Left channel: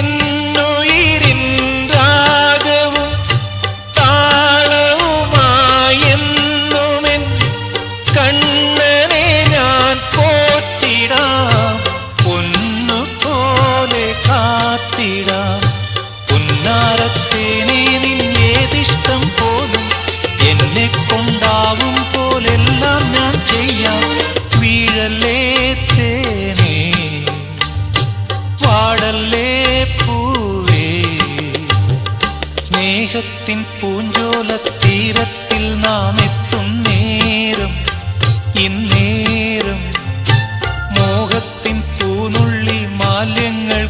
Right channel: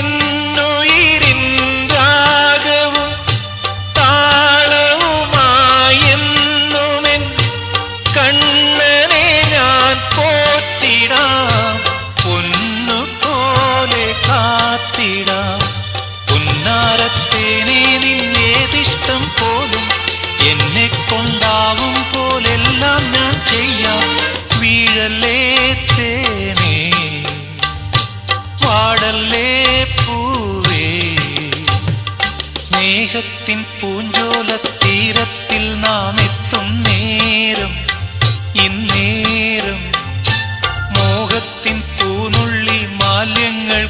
എന്നുയിരിൻ രാഗവും താളവുമായെന്നുമെൻ കണ്ണനെ ഞാൻ പോറ്റിടാം, പൊന്നുപോലെ കാത്തിടാം. പുന്നാരത്തേനെ നിന്നേതിഷ്ടം പോലും എന്നെ കൊണ്ടാവും പോലെല്ലാം ഞാൻ ചെയ്യാം. വീഴല്ലേ തേനേ, വാടല്ലേ പൂവേ, സ്നേഹത്തിൻ പൂഞ്ചോല തീരത്തിൽ നാം എത്തും നേരം, ഇന്നേരം മോഹത്തിൻ പൂനുള്ളി മാലിന്യങ്ങൾ